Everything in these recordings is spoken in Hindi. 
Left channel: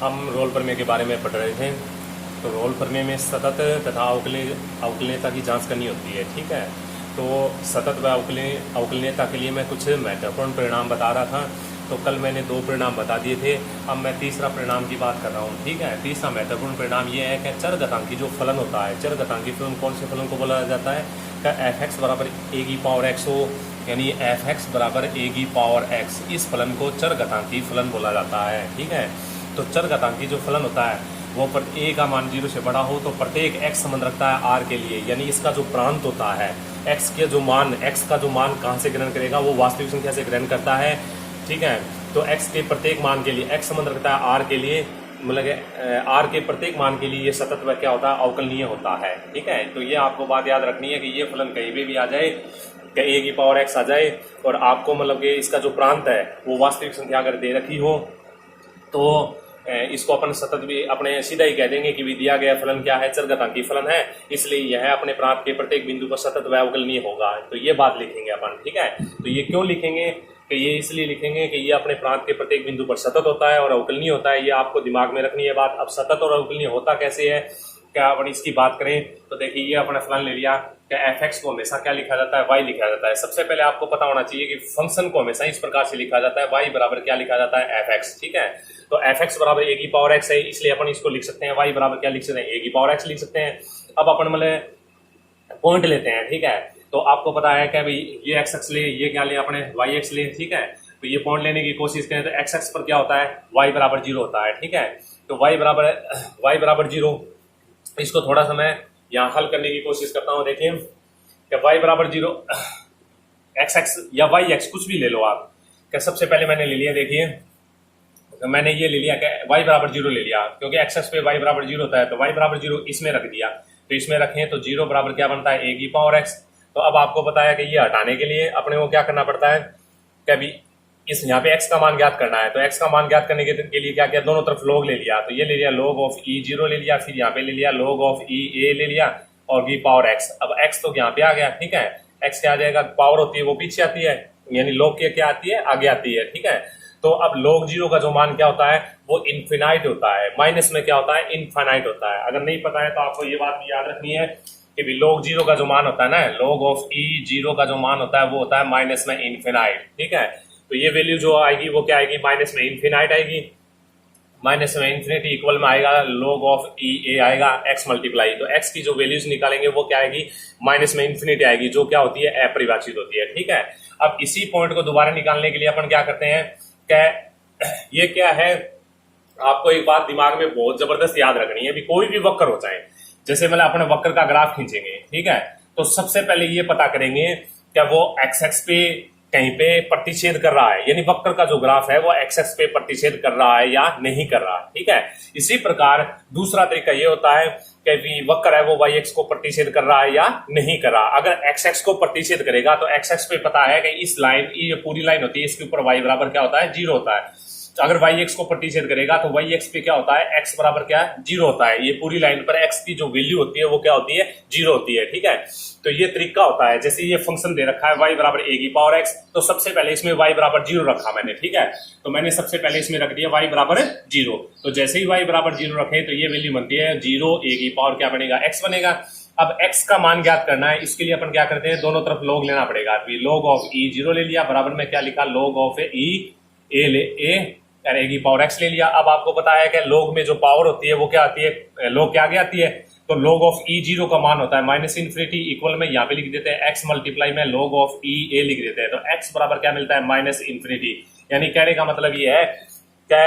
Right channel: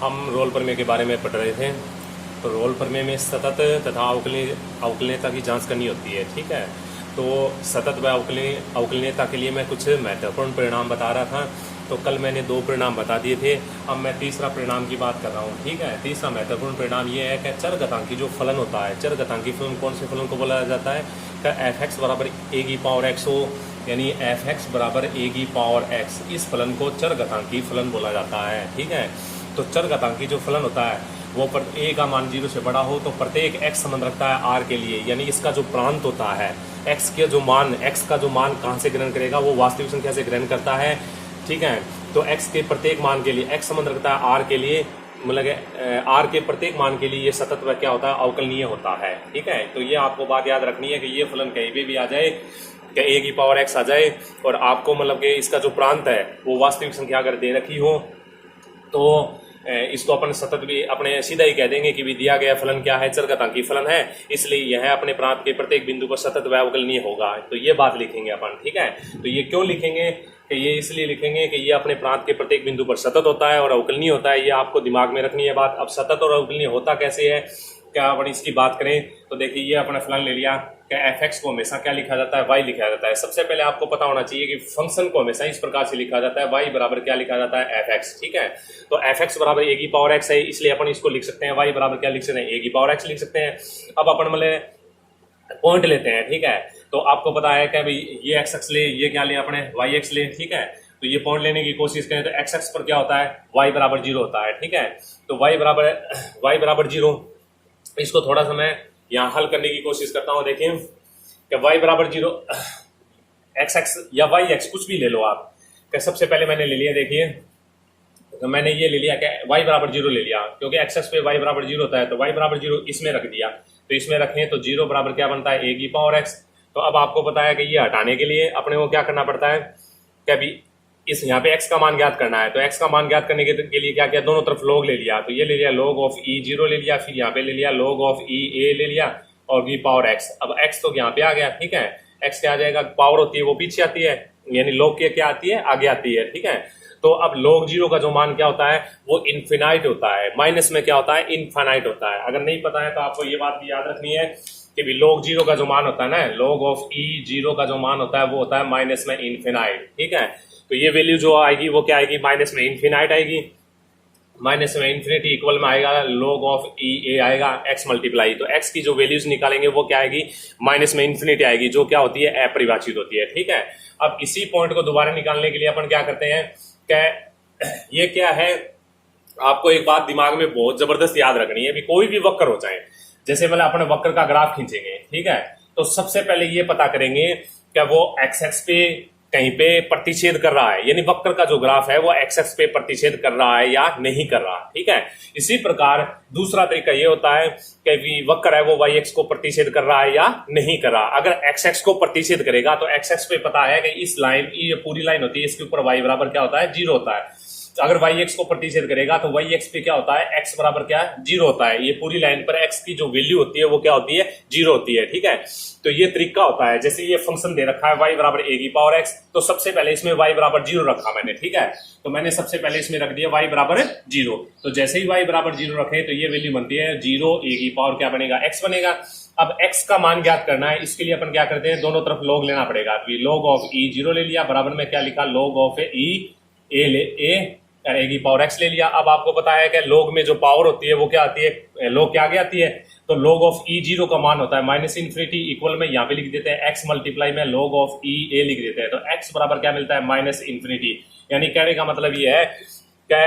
हम रोल प्रमेय के बारे में पढ़ रहे थे। तो रोल प्रमेय में सतत तथा अवकलनीयता की जांच करनी होती है। ठीक है, तो सतत व अवकलनीयता के लिए मैं कुछ महत्वपूर्ण परिणाम बता रहा था। तो कल मैंने 2 परिणाम बता दिए थे, अब मैं तीसरा परिणाम की बात कर रहा हूँ। ठीक है, तीसरा महत्वपूर्ण परिणाम ये है कि चरघातांकी जो फलन होता है, चरघातांकी फलन कौन से फलन को बोला जाता है कि एफ एक्स बराबर ए की पावर एक्स हो, यानी एफ एक्स बराबर ए की पावर एक्स, इस फलन को चरघातांकी फलन बोला जाता है। ठीक है, तो चरघातांकी जो फलन होता है वो ए का मान 0 से बड़ा हो तो प्रत्येक x संबंध रखता है r के लिए, यानी इसका जो प्रांत होता है x का जो मान कहां से ग्रहण करेगा, वो वास्तविक संख्या से ग्रहण करता है। ठीक है, तो x के प्रत्येक मान के लिए x संबंध रखता है r के लिए, मतलब r के प्रत्येक मान के लिए ये सतत व क्या होता है, अवकलनीय होता है। ठीक है, तो ये आपको बात याद रखनी है कि ये फलन कहीं पे भी आ जाए, कि a की पावर x आ जाए और आपको मतलब कि इसका जो प्रांत है वो वास्तविक संख्या अगर दे रखी हो तो इसको अपन सतत भी अपने सीधा ही कह देंगे कि भी दिया गया फलन क्या है, चरघातांकी फलन है, इसलिए यह अपने प्रांत के प्रत्येक बिंदु पर सतत व अवकलनीय होगा। तो ये बात लिखेंगे अपन। ठीक है, तो ये क्यों लिखेंगे कि ये इसलिए लिखेंगे कि ये अपने प्रांत के प्रत्येक बिंदु पर सतत होता है और अवकलनीय होता है। ये आपको दिमाग में रखनी है बात। अब सतत और अवकलनीय होता कैसे है, क्या अपन इसकी बात करें तो देखिए, ये अपना फलन ले लिया कि एफ एक्स को हमेशा क्या लिखा जाता है, वाई लिखा जाता है। सबसे पहले आपको पता होना चाहिए कि फंक्शन को हमेशा इस प्रकार से लिखा जाता है, वाई बराबर क्या लिखा जाता है, एफ एक्स। ठीक है, तो एफ एक्स बराबर ए की पावर एक्स है, इसलिए अपन इसको लिख सकते हैं वाई बराबर क्या लिख सकते हैं, ए की पावर एक्स लिख सकते हैं। अब अपन मतलब पॉइंट लेते हैं। ठीक है, तो आपको पता है कि भाई ये एक्स एक्स ले, ये क्या ले अपने वाई एक्स ले। ठीक है, तो ये पॉइंट लेने की कोशिश करें तो एक्स एक्स पर क्या होता है, वाई बराबर 0 होता है। ठीक है, तो वाई बराबर 0, इसको थोड़ा सा मैं यहाँ हल करने की कोशिश करता हूँ। देखिए कि y बराबर 0, एक्स एक्स या वाई एक्स कुछ भी ले लो आप। कि सबसे पहले मैंने ले लिया, देखिए तो मैंने ये ले लिया कि y बराबर 0 ले लिया, क्योंकि एक्स एक्स पे y बराबर 0 होता है, तो y बराबर 0 इसमें रख दिया। तो इसमें रखें तो 0 बराबर क्या बनता है, a की पावर x। तो अब आपको पता है कि ये हटाने के लिए अपने को क्या करना पड़ता है कि अभी इस यहाँ पे x का मान ज्ञात करना है। तो x का मान ज्ञात करने के लिए क्या किया, दोनों तरफ log ले लिया। तो ये ले लिया log ऑफ e0 ले लिया, फिर यहाँ पे ले लिया log ऑफ e a ले लिया और की पावर x। अब x तो यहाँ पे आ गया। ठीक है, x क्या आ जाएगा, पावर होती है वो पीछे आती है, यानी log की क्या आती है, आगे आती है। ठीक है, तो अब log 0 का जो मान क्या होता है, वो इन्फिनाइट होता है, माइनस में क्या होता है, इनफाइनाइट होता है। अगर नहीं पता है तो आपको ये बात भी याद रखनी है कि भी log 0 का जो मान होता है ना, log ऑफ e0 का जो मान होता है वो होता है माइनस में इन्फिनाइट। ठीक है, तो ये वैल्यू जो आएगी वो क्या आएगी, माइनस में इन्फिनाइट आएगी, माइनस में इन्फिनिटी इक्वल में आएगा log ऑफ ई ए आएगा x मल्टीप्लाई। तो x की जो वैल्यूज निकालेंगे वो क्या आएगी, माइनस में इन्फिनिटी आएगी, जो क्या होती है, अपरिभाषित होती है। ठीक है, अब इसी पॉइंट को दोबारा निकालने के लिए अपन क्या करते हैं कि ये क्या है, आपको एक बात दिमाग में बहुत जबरदस्त याद रखनी है। भी कोई भी वक्र हो जाए, जैसे मतलब अपने वक्र का ग्राफ खींचेंगे। ठीक है, तो सबसे पहले ये पता करेंगे क्या वो एक्स एक्स पे कहीं पे प्रतिच्छेद कर रहा है, यानी वक्र का जो ग्राफ है वो एक्स एक्स पे प्रतिच्छेद कर रहा है या नहीं कर रहा है। ठीक है, इसी प्रकार दूसरा तरीका ये होता है कि वक्र है वो वाई एक्स को प्रतिच्छेद कर रहा है या नहीं कर रहा। अगर एक्स एक्स को प्रतिच्छेद करेगा तो एक्स एक्स पे पता है कि इस लाइन, ये पूरी लाइन होती है, इसके ऊपर वाई बराबर क्या होता है, 0 होता है। तो अगर वाई एक्स को प्रतिच्छेद करेगा तो वाई एक्स पे क्या होता है, एक्स बराबर क्या है, 0 होता है। ये पूरी लाइन पर एक्स की जो वैल्यू होती है वो क्या होती है, 0 होती है। ठीक है, तो ये तरीका होता है। जैसे ये फंक्शन दे रखा है y बराबर a की पावर x, तो सबसे पहले इसमें y बराबर 0 रखा मैंने। ठीक है, तो मैंने सबसे पहले इसमें रख दिया y बराबर 0। तो जैसे ही y बराबर 0 रखें तो ये वैल्यू बनती है 0, a की पावर क्या बनेगा, x बनेगा। अब x का मान ज्ञात करना है, इसके लिए अपन क्या करते हैं, दोनों तरफ log लेना पड़ेगा। log ऑफ e0 ले लिया, बराबर में क्या लिखा, log ऑफ ए की पावर x ले लिया। अब आपको पता है कि log में जो पावर होती है वो क्या आती है, log क्या आगे आती है, तो log ऑफ e0 का मान होता है माइनस इन्फिनिटी इक्वल में यहाँ पे लिख देते हैं x मल्टीप्लाई में log ऑफ e a लिख देते हैं। तो x बराबर क्या मिलता है, माइनस इन्फिनिटी। यानी कहने का मतलब ये है कि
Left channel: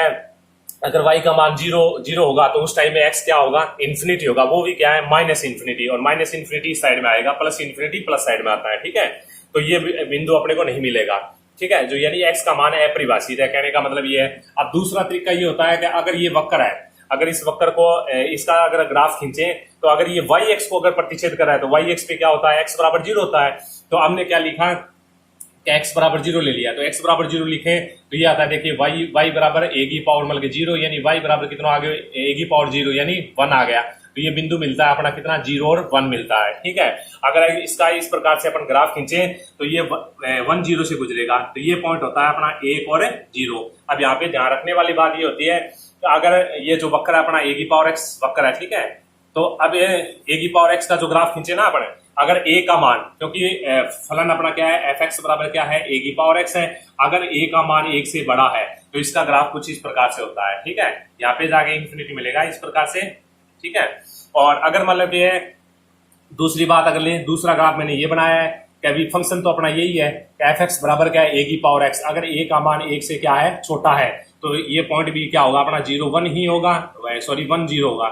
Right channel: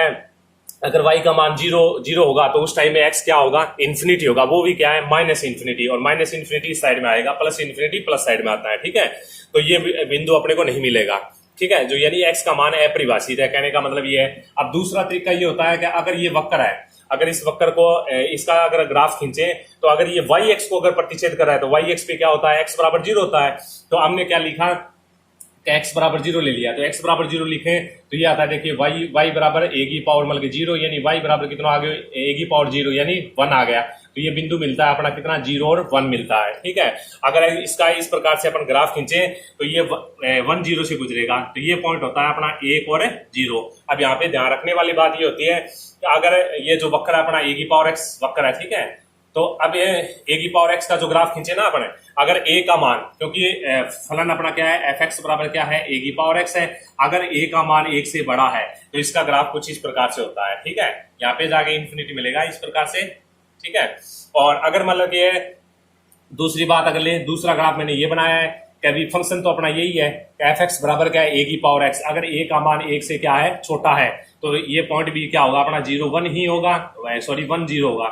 अगर y का मान 0 होगा तो उस टाइम में x क्या होगा, इन्फिनिटी होगा, वो भी क्या है, माइनस इन्फिनिटी। और माइनस इन्फिनिटी साइड में आएगा, प्लस इन्फिनिटी प्लस साइड में आता है। ठीक है, तो ये बिंदु अपने को नहीं मिलेगा। ठीक है, जो यानी x का मान है अपरिभाषित है, कहने का मतलब ये है। अब दूसरा तरीका ये होता है कि अगर ये वक्र है, अगर इस वक्र को इसका अगर ग्राफ खींचे तो अगर ये वाई एक्स को अगर प्रतिच्छेद कर रहा है तो वाई एक्स पे क्या होता है, एक्स बराबर 0 होता है। तो हमने क्या लिखा कि एक्स बराबर 0 ले लिया, तो एक्स बराबर 0 लिखे तो ये आता है, देखिए वाई बराबर ए की पावर मतलब 0, यानी वाई बराबर कितना आ गया, ए की पावर 0 यानी 1 आ गया। तो ये बिंदु मिलता है अपना कितना 0 और 1 मिलता है। ठीक है, अगर इसका इस प्रकार से अपन ग्राफ खींचे तो ये 1 0 से गुजरेगा, तो ये पॉइंट होता है अपना 1 और 0। अब यहाँ पे ध्यान रखने वाली बात ये होती है कि अगर ये जो वक्र है अपना e⁻x वक्र है, ठीक है, तो अब ये e⁻x का जो ग्राफ खींचे ना अपने, अगर a का मान, क्योंकि फलन अपना क्या है f(x) बराबर क्या है e⁻x है, अगर a का मान 1 से बड़ा है तो इसका ग्राफ कुछ इस प्रकार से होता है। ठीक है, यहाँ पे जाके इंफिनिटी मिलेगा इस प्रकार से। ठीक है, और अगर मतलब कि दूसरी बात अगर ले, दूसरा ग्राफ मैंने ये बनाया है कि फंक्शन तो अपना यही है f(x) बराबर क्या है e⁻x, अगर a का मान 1 से क्या है छोटा है तो ये पॉइंट भी क्या होगा अपना 0 1 ही होगा, सॉरी 1 0 होगा,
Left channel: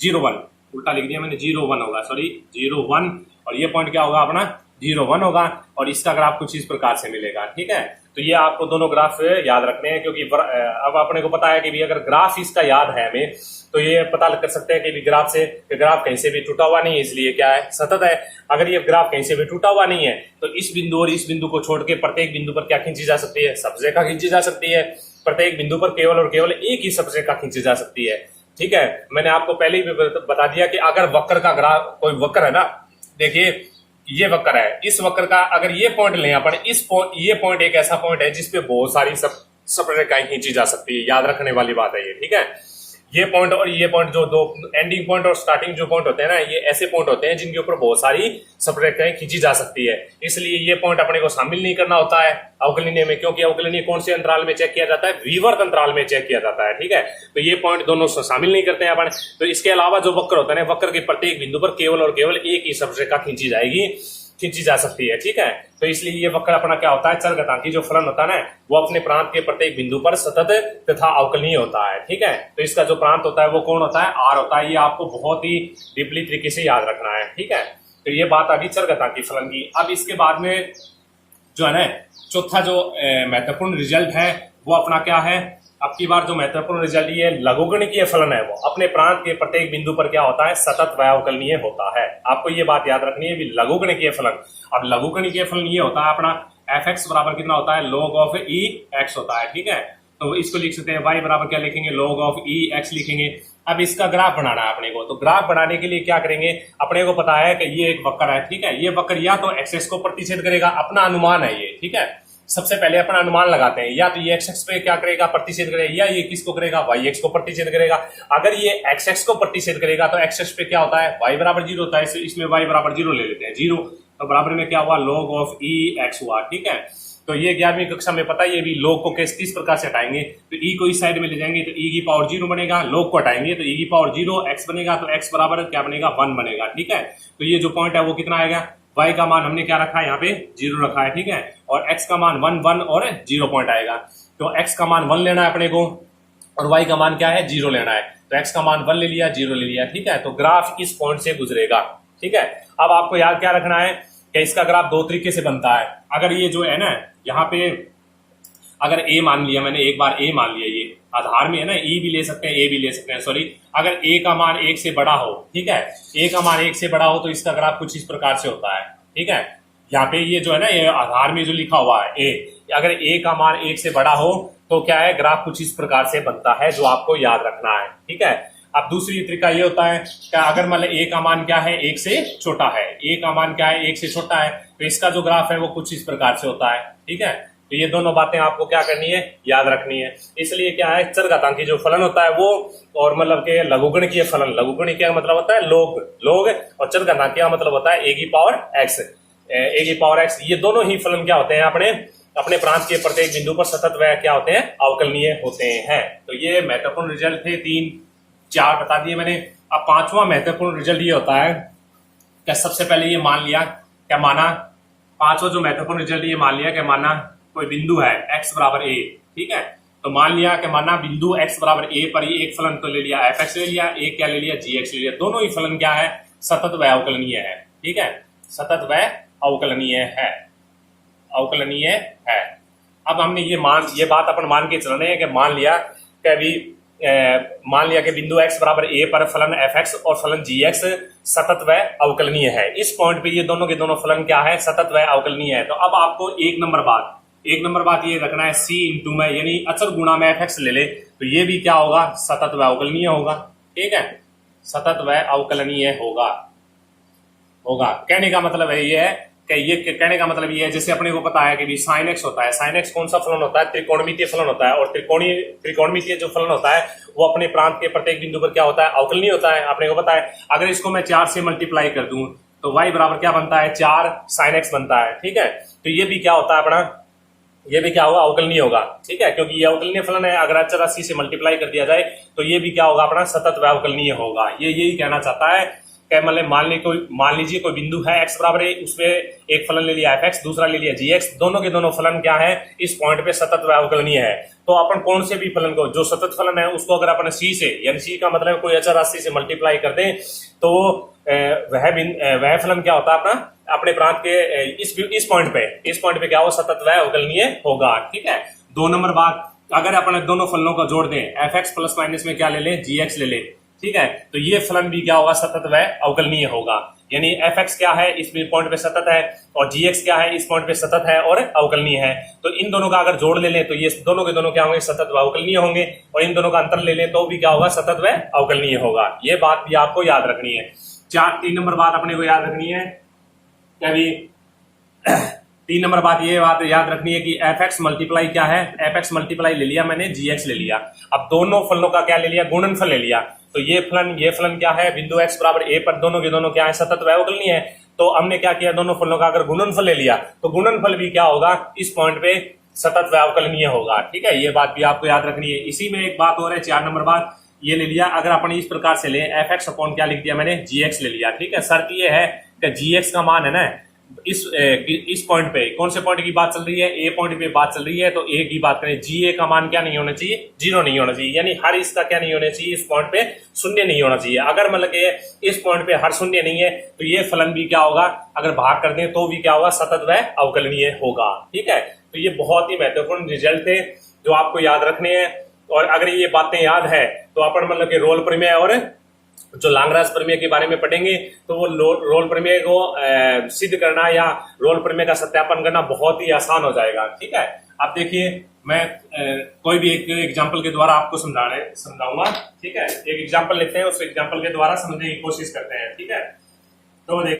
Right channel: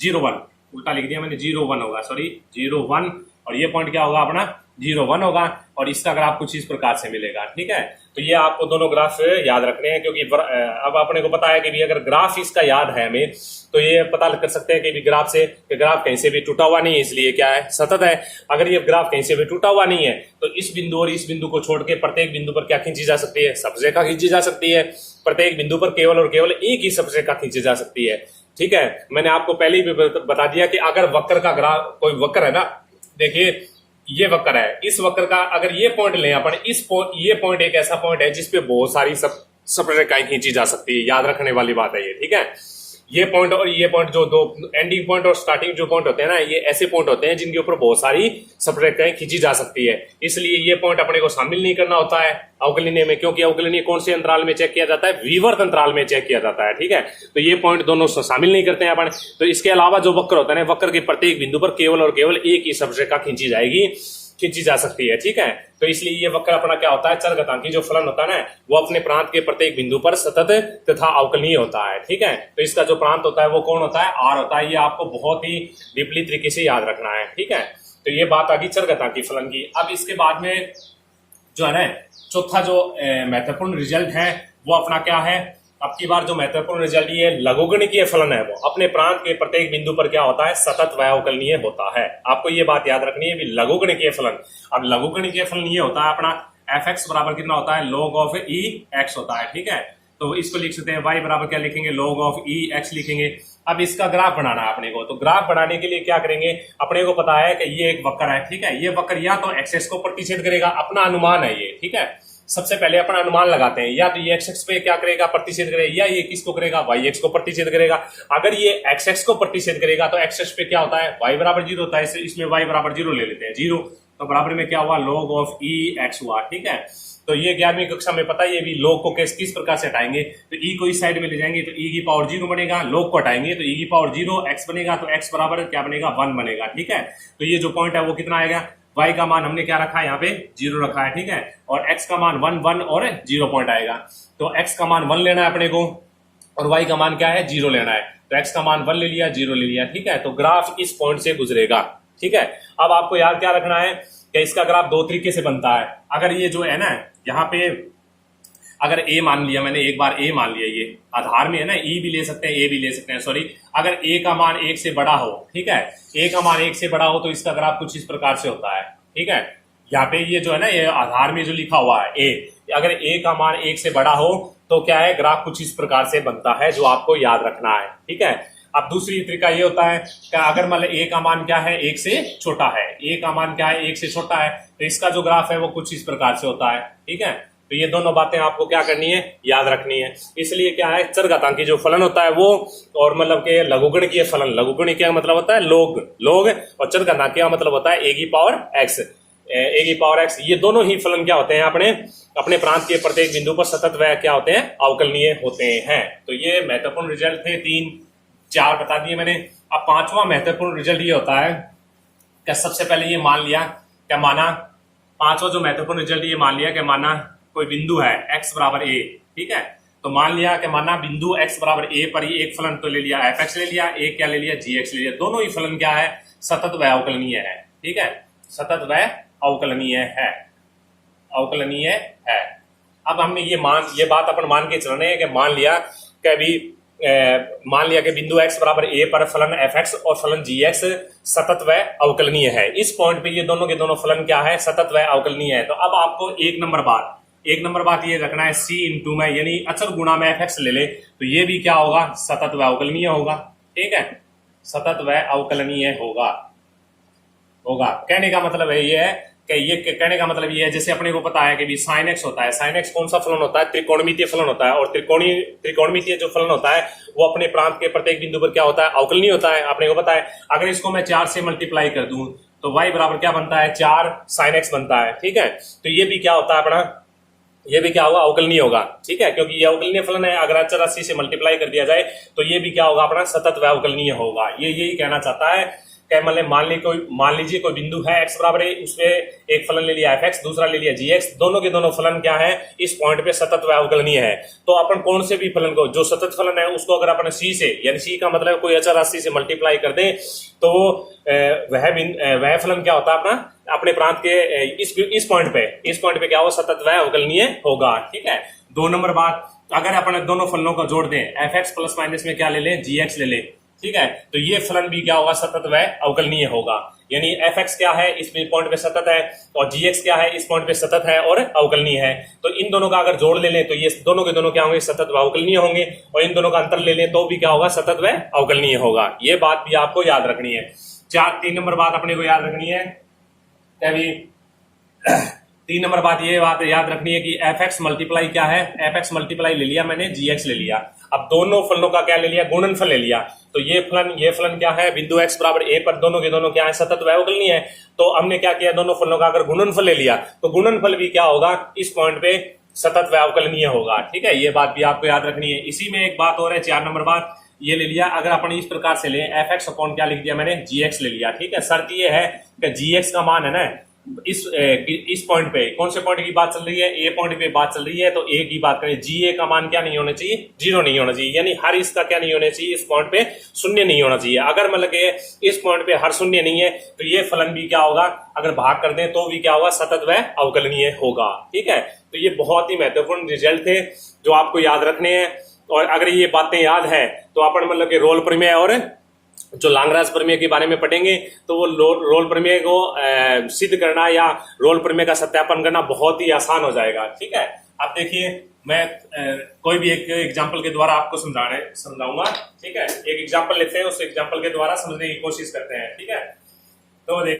0 1 उल्टा लिख दिया मैंने, 0 1 होगा, सॉरी 0 1, और ये पॉइंट क्या होगा अपना 0 1 होगा, और इसका ग्राफ कुछ इस प्रकार से मिलेगा। ठीक है, तो ये आपको दोनों ग्राफ याद रखने हैं, क्योंकि अब अपने को पता है कि भी अगर ग्राफ इसका याद है हमें तो ये पता कर सकते हैं कि भी ग्राफ से ग्राफ कहीं से भी टूटा हुआ नहीं है, इसलिए क्या है सतत है। अगर ये ग्राफ कहीं से भी टूटा हुआ नहीं है तो इस बिंदु और इस बिंदु को छोड़ के प्रत्येक बिंदु पर क्या खींची जा सकती है, सब्जेक्ट खींची जा सकती है। प्रत्येक बिंदु पर केवल और केवल एक ही सब्जेक्ट खींची जा सकती है। ठीक है, मैंने आपको पहले ही बता दिया कि अगर वक्र का ग्राफ, कोई वक्र है ना, देखिए ये वक्र है, इस वक्र का अगर ये पॉइंट लें अपन, ये पॉइंट एक ऐसा पॉइंट है जिसपे बहुत सारी सब रेखाएं खींची जा सकती है, याद रखने वाली बात है ये। ठीक है, ये पॉइंट और ये पॉइंट, जो दो एंडिंग पॉइंट और स्टार्टिंग जो पॉइंट होते हैं ना, ये ऐसे पॉइंट होते हैं जिनके ऊपर बहुत सारी सपरेखाएं खींची जा सकती है, इसलिए ये पॉइंट अपने को शामिल नहीं करना होता है अवकलनीय में, क्योंकि अवकलनीय कौन से अंतराल में चेक किया जाता है, विवर्त अंतराल में चेक किया जाता है। ठीक है, तो ये पॉइंट दोनों शामिल नहीं करते हैं अपन। तो इसके अलावा जो वक्र होता है ना, वक्र के प्रत्येक बिंदु पर केवल और केवल एक ही सपरेखा खींची जा सकती है। ठीक है, तो इसलिए ये वक्र अपना क्या होता है, चरघातांकी जो फलन होता है ना, वो अपने प्रांत के प्रत्येक बिंदु पर सतत तथा अवकलनीय होता है। ठीक है, तो इसका जो प्रांत होता है वो कौन होता है, आर होता है। ये आपको बहुत ही डीपली तरीके से याद रखना है। ठीक है, तो ये बात आ गई चरघातांकी फलन की। अब इसके बाद में जो है ना, चौथा जो महत्वपूर्ण रिजल्ट है वो अपना क्या है, अब की बार जो महत्वपूर्ण रिजल्ट ये लघुगणकीय फलन है, वो अपने प्रांत के प्रत्येक बिंदु पर क्या होता है, सतत व अवकलनीय होता है। आपको ये बात याद रखनी है भी लघुगणकीय फलन। अब लघुगणकीय फलन ये होता है अपना f(x) बराबर कितना होता है, log ऑफ e(x) होता है। ठीक है, तो इसको लिख सकते हैं y बराबर क्या लिखेंगे, log ऑफ e(x) लिखेंगे। अब इसका ग्राफ बनाना है अपने को, तो ग्राफ बनाने के लिए क्या करेंगे, अपने को पता है कि ये एक वक्र है। ठीक है, ये वक्र या तो एक्सेस को प्रतिच्छेद करेगा, अपना अनुमान है ये। ठीक है, सबसे पहले अपन अनुमान लगाते हैं, या तो ये x पे क्या करेगा, प्रतिच्छेद करेगा, या ये किसको करेगा, y को प्रतिच्छेद करेगा। अगर ये x को प्रतिच्छेद करेगा तो x पे क्या होता है, y बराबर 0 होता है, इसमें y बराबर 0 ले लेते हैं, 0, तो बराबर में क्या हुआ, log ऑफ e(x) हुआ। ठीक है, तो ये 11वीं कक्षा में पता है, ये भी log को किस प्रकार से हटाएंगे, तो e को इस साइड में ले जाएंगे तो e की पावर 0 बनेगा, log को हटाएंगे तो e की पावर 0, x बनेगा तो x बराबर क्या बनेगा, 1 बनेगा। ठीक है, तो ये जो पॉइंट है वो कितना आएगा, y का मान हमने क्या रखा है, यहाँ पे 0 रखा है। ठीक है, और x का मान 1 1 और 0 पॉइंट आएगा, तो x का मान 1 लेना है अपने को और y का मान क्या है, 0 लेना है। तो x का मान 1 ले लिया, 0 ले लिया। ठीक है, तो ग्राफ इस पॉइंट से गुजरेगा। ठीक है, अब आपको याद क्या रखना है कि इसका ग्राफ दो तरीके से बनता है। अगर ये जो है ना, यहाँ पे अगर a मान लिया मैंने, एक बार a मान लिया, ये आधार में है ना, e भी ले सकते हैं, a भी ले सकते हैं, सॉरी, अगर a का मान 1 से बड़ा हो, ठीक है, a का मान 1 से बड़ा हो तो इसका ग्राफ कुछ इस प्रकार से होता है। ठीक है, यहाँ पे ये जो है ना, ये आधार में जो लिखा हुआ है a, अगर a का मान 1 से बड़ा हो तो क्या है, ग्राफ कुछ इस प्रकार से बनता है, जो आपको याद रखना है। ठीक है, अब दूसरी तरीका ये होता है कि अगर मतलब a का मान क्या है, 1 से छोटा है, a का मान क्या है, 1 से छोटा है, तो इसका जो ग्राफ है वो कुछ इस प्रकार से होता है। ठीक है, तो ये दोनों बातें आपको क्या करनी है, याद रखनी है। इसलिए क्या है, चरघातांकी जो फलन होता है वो, और मतलब के लघुगणकीय फलन, लघुगणकीय क्या मतलब होता है, लोग, और चरघातांकी का मतलब होता है a की पावर x। ये दोनों ही फलन क्या होते हैं, अपने प्रांत के प्रत्येक बिंदु पर सतत व क्या होते हैं, अवकलनीय होते हैं। तो ये महत्वपूर्ण रिजल्ट थे, 3 4 बता दिए मैंने। अब पांचवा महत्वपूर्ण रिजल्ट ये होता है कि सबसे पहले ये मान लिया, क्या माना, पांचवा जो महत्वपूर्ण रिजल्ट ये मान लिया कि माना कोई बिंदु है x बराबर a। ठीक है, तो मान लिया कि माना बिंदु x बराबर a पर ही एक फलन तो ले लिया, f(x) ले लिया, एक क्या ले लिया, gx ले लिया, दोनों ही फलन क्या है, सतत व अवकलनीय है। ठीक है, सतत व अवकलनीय है। अब हमने ये बात अपन मान के चल रहे हैं कि मान लिया कि बिंदु x बराबर a पर फलन f(x) और फलन gx सतत व अवकलनीय है। इस पॉइंट पे ये दोनों के दोनों फलन क्या है, सतत व अवकलनीय है। तो अब आपको एक नंबर बात ये रखना है, c इंटू में यानी अचर गुणा में f(x) ले ले तो ये भी क्या होगा, सतत व अवकलनीय होगा। ठीक है, सतत व अवकलनीय होगा। कहने का मतलब है ये है कि ये कहने का मतलब ये है, जैसे अपने को पता है कि भी sin x होता है। sin x कौन सा फलन होता है? त्रिकोणमितीय फलन होता है। और त्रिकोणमितीय जो फलन होता है वो अपने प्रांत के प्रत्येक बिंदु पर क्या होता है? अवकलनीय होता है, अपने को पता है। अगर इसको मैं 4 से मल्टीप्लाई कर दूं तो y बराबर क्या बनता है? 4 sin x बनता है। ठीक है, तो ये भी क्या होता है अपना, ये भी क्या होगा? अवकलनीय होगा। ठीक है, क्योंकि ये अवकलनीय फलन है। अगर अचर राशि से मल्टीप्लाई कर दिया जाए तो ये भी क्या होगा? अपना सतत व अवकलनीय होगा। ये यही कहना चाहता है कि मतलब मान लीजिए कोई बिंदु है x बराबर है, उसपे एक फलन ले लिया fx, दूसरा ले लिया gx, दोनों के दोनों फलन क्या है? इस पॉइंट पे सतत व अवकलनीय है। तो अपन कौन से भी फलन को, जो सतत फलन है उसको अगर अपन c से, यानी c का मतलब कोई अचर राशि से मल्टीप्लाई कर दें तो वह फलन क्या होता है? अपना अपने प्रांत के इस पॉइंट पे क्या हो? सतत व अवकलनीय होगा। ठीक है, 2 नंबर बात, अगर अपन दोनों फलनों को जोड़ दें, fx प्लस माइनस में क्या ले लें? gx ले लें। ठीक है, तो ये फलन भी क्या होगा? सतत व अवकलनीय होगा। यानी fx क्या है? इस पॉइंट पे सतत है, और gx क्या है? इस पॉइंट पे सतत है और अवकलनीय है। तो इन दोनों का अगर जोड़ ले लें तो ये दोनों के दोनों क्या होंगे? सतत व अवकलनीय होंगे। और इन दोनों का अंतर ले लें तो भी क्या होगा? सतत व अवकलनीय होगा। ये बात भी आपको याद रखनी है। 3 नंबर बात अपने को याद रखनी है क्या भी? 3 नंबर बात याद रखनी है कि fx मल्टीप्लाई क्या है? fx मल्टीप्लाई ले लिया मैंने, gx ले लिया। अब दोनों फलनों का क्या ले लिया? गुणनफल ले लिया। तो ये फलन क्या है? बिंदु x बराबर a पर दोनों के दोनों क्या है? सतत व अवकलनीय है। तो हमने क्या किया? दोनों फलनों का अगर गुणनफल ले लिया तो गुणनफल भी क्या होगा? इस पॉइंट पे सतत व अवकलनीय होगा। ठीक है, ये बात भी आपको याद रखनी है। इसी में एक बात और है, 4 नंबर बात ये ले लिया। अगर अपन इस प्रकार से लें, fx अपॉन क्या लिख दिया मैंने? gx ले लिया। ठीक है, शर्त ये है कि gx का मान है ना, इस पॉइंट पे, कौन से पॉइंट की बात चल रही है? ए पॉइंट पे बात चल रही है। तो ए की बात करें, जी ए का मान क्या नहीं होना चाहिए? 0 नहीं होना चाहिए। यानी हर इसका क्या नहीं होना चाहिए? इस पॉइंट पे शून्य नहीं होना चाहिए। अगर मतलब के इस पॉइंट पे हर शून्य नहीं है तो ये फलन भी क्या होगा? अगर भाग कर दें तो भी क्या होगा? सतत व अवकलनीय होगा। ठीक है, तो ये बहुत ही महत्वपूर्ण रिजल्ट थे जो आपको याद रखने हैं। और अगर ये बातें याद है तो अपन मतलब के रोल प्रमेय और जो लांगराज प्रमेय के बारे में पढ़ेंगे तो वो रोल प्रमेय को सिद्ध करना या रोल प्रमेय का सत्यापन करना बहुत ही आसान हो जाएगा। ठीक है, अब देखिए मैं कोई भी एक एग्जांपल के द्वारा आपको समझाऊंगा। ठीक है, एक एग्जांपल लेते हैं, उस एग्जांपल के द्वारा समझने की कोशिश करते हैं। ठीक है, तो